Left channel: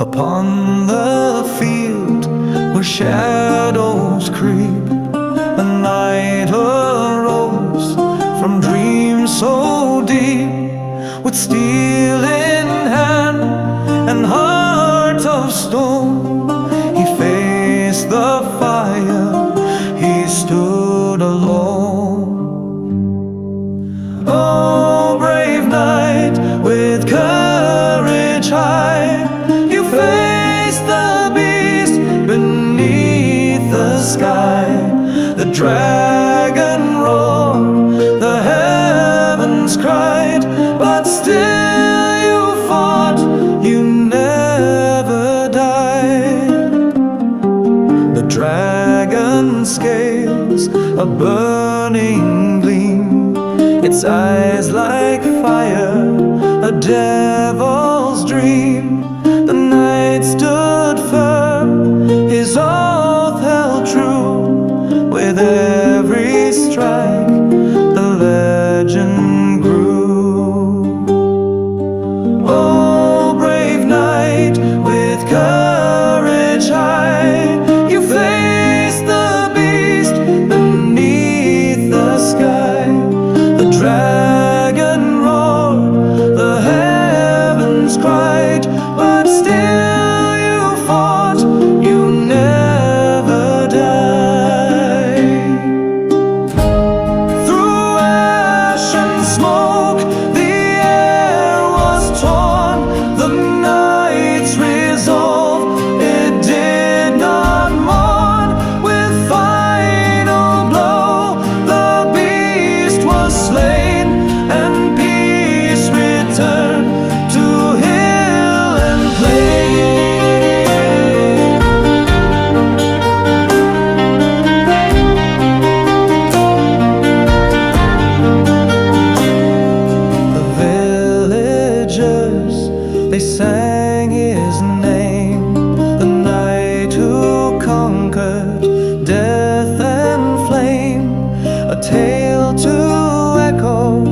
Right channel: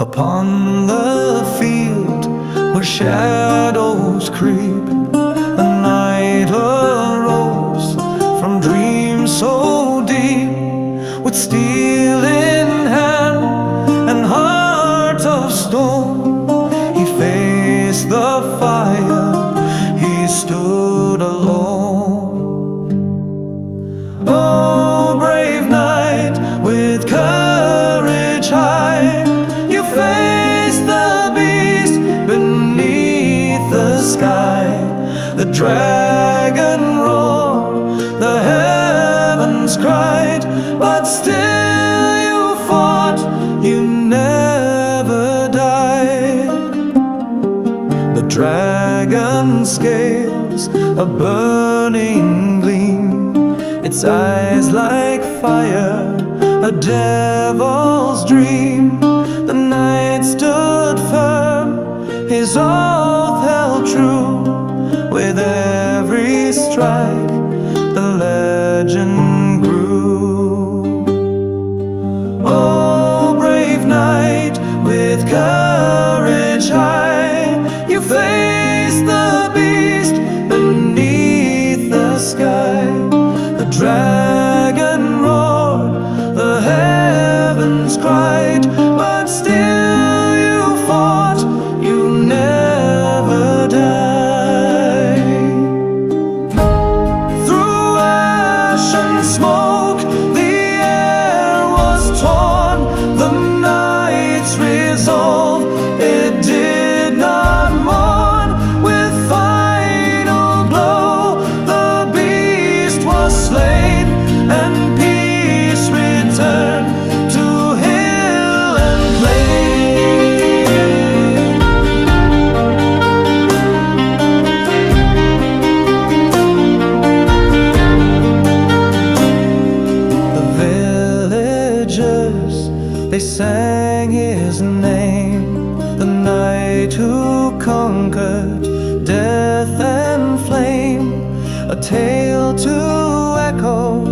Upon the field where shadows creep, the night arose from dreams so deep. With steel in hand and heart of stone, he faced the fire, he stood alone. Oh, brave knight, with courage high, you faced the beast beneath the sky. The dragon roared, the heavens cried, but still you fought, you never died. The dragon's scales, a burning gleam, its eyes like fire, a devil's dream. The knight stood firm, his oath held true. With every strike, the legend grew. Oh, brave knight, with courage high, you faced the beast beneath the sky. The dragon roared, the heavens cried, but still you fought, you never died. Through ash and smoke, the air was torn. The knight's resolve, it did not mourn. With final blow, the beast was slain, and peace returned to hill and plain. The villagers, they sang his name, the knight who conquered death and flame, a tale to echo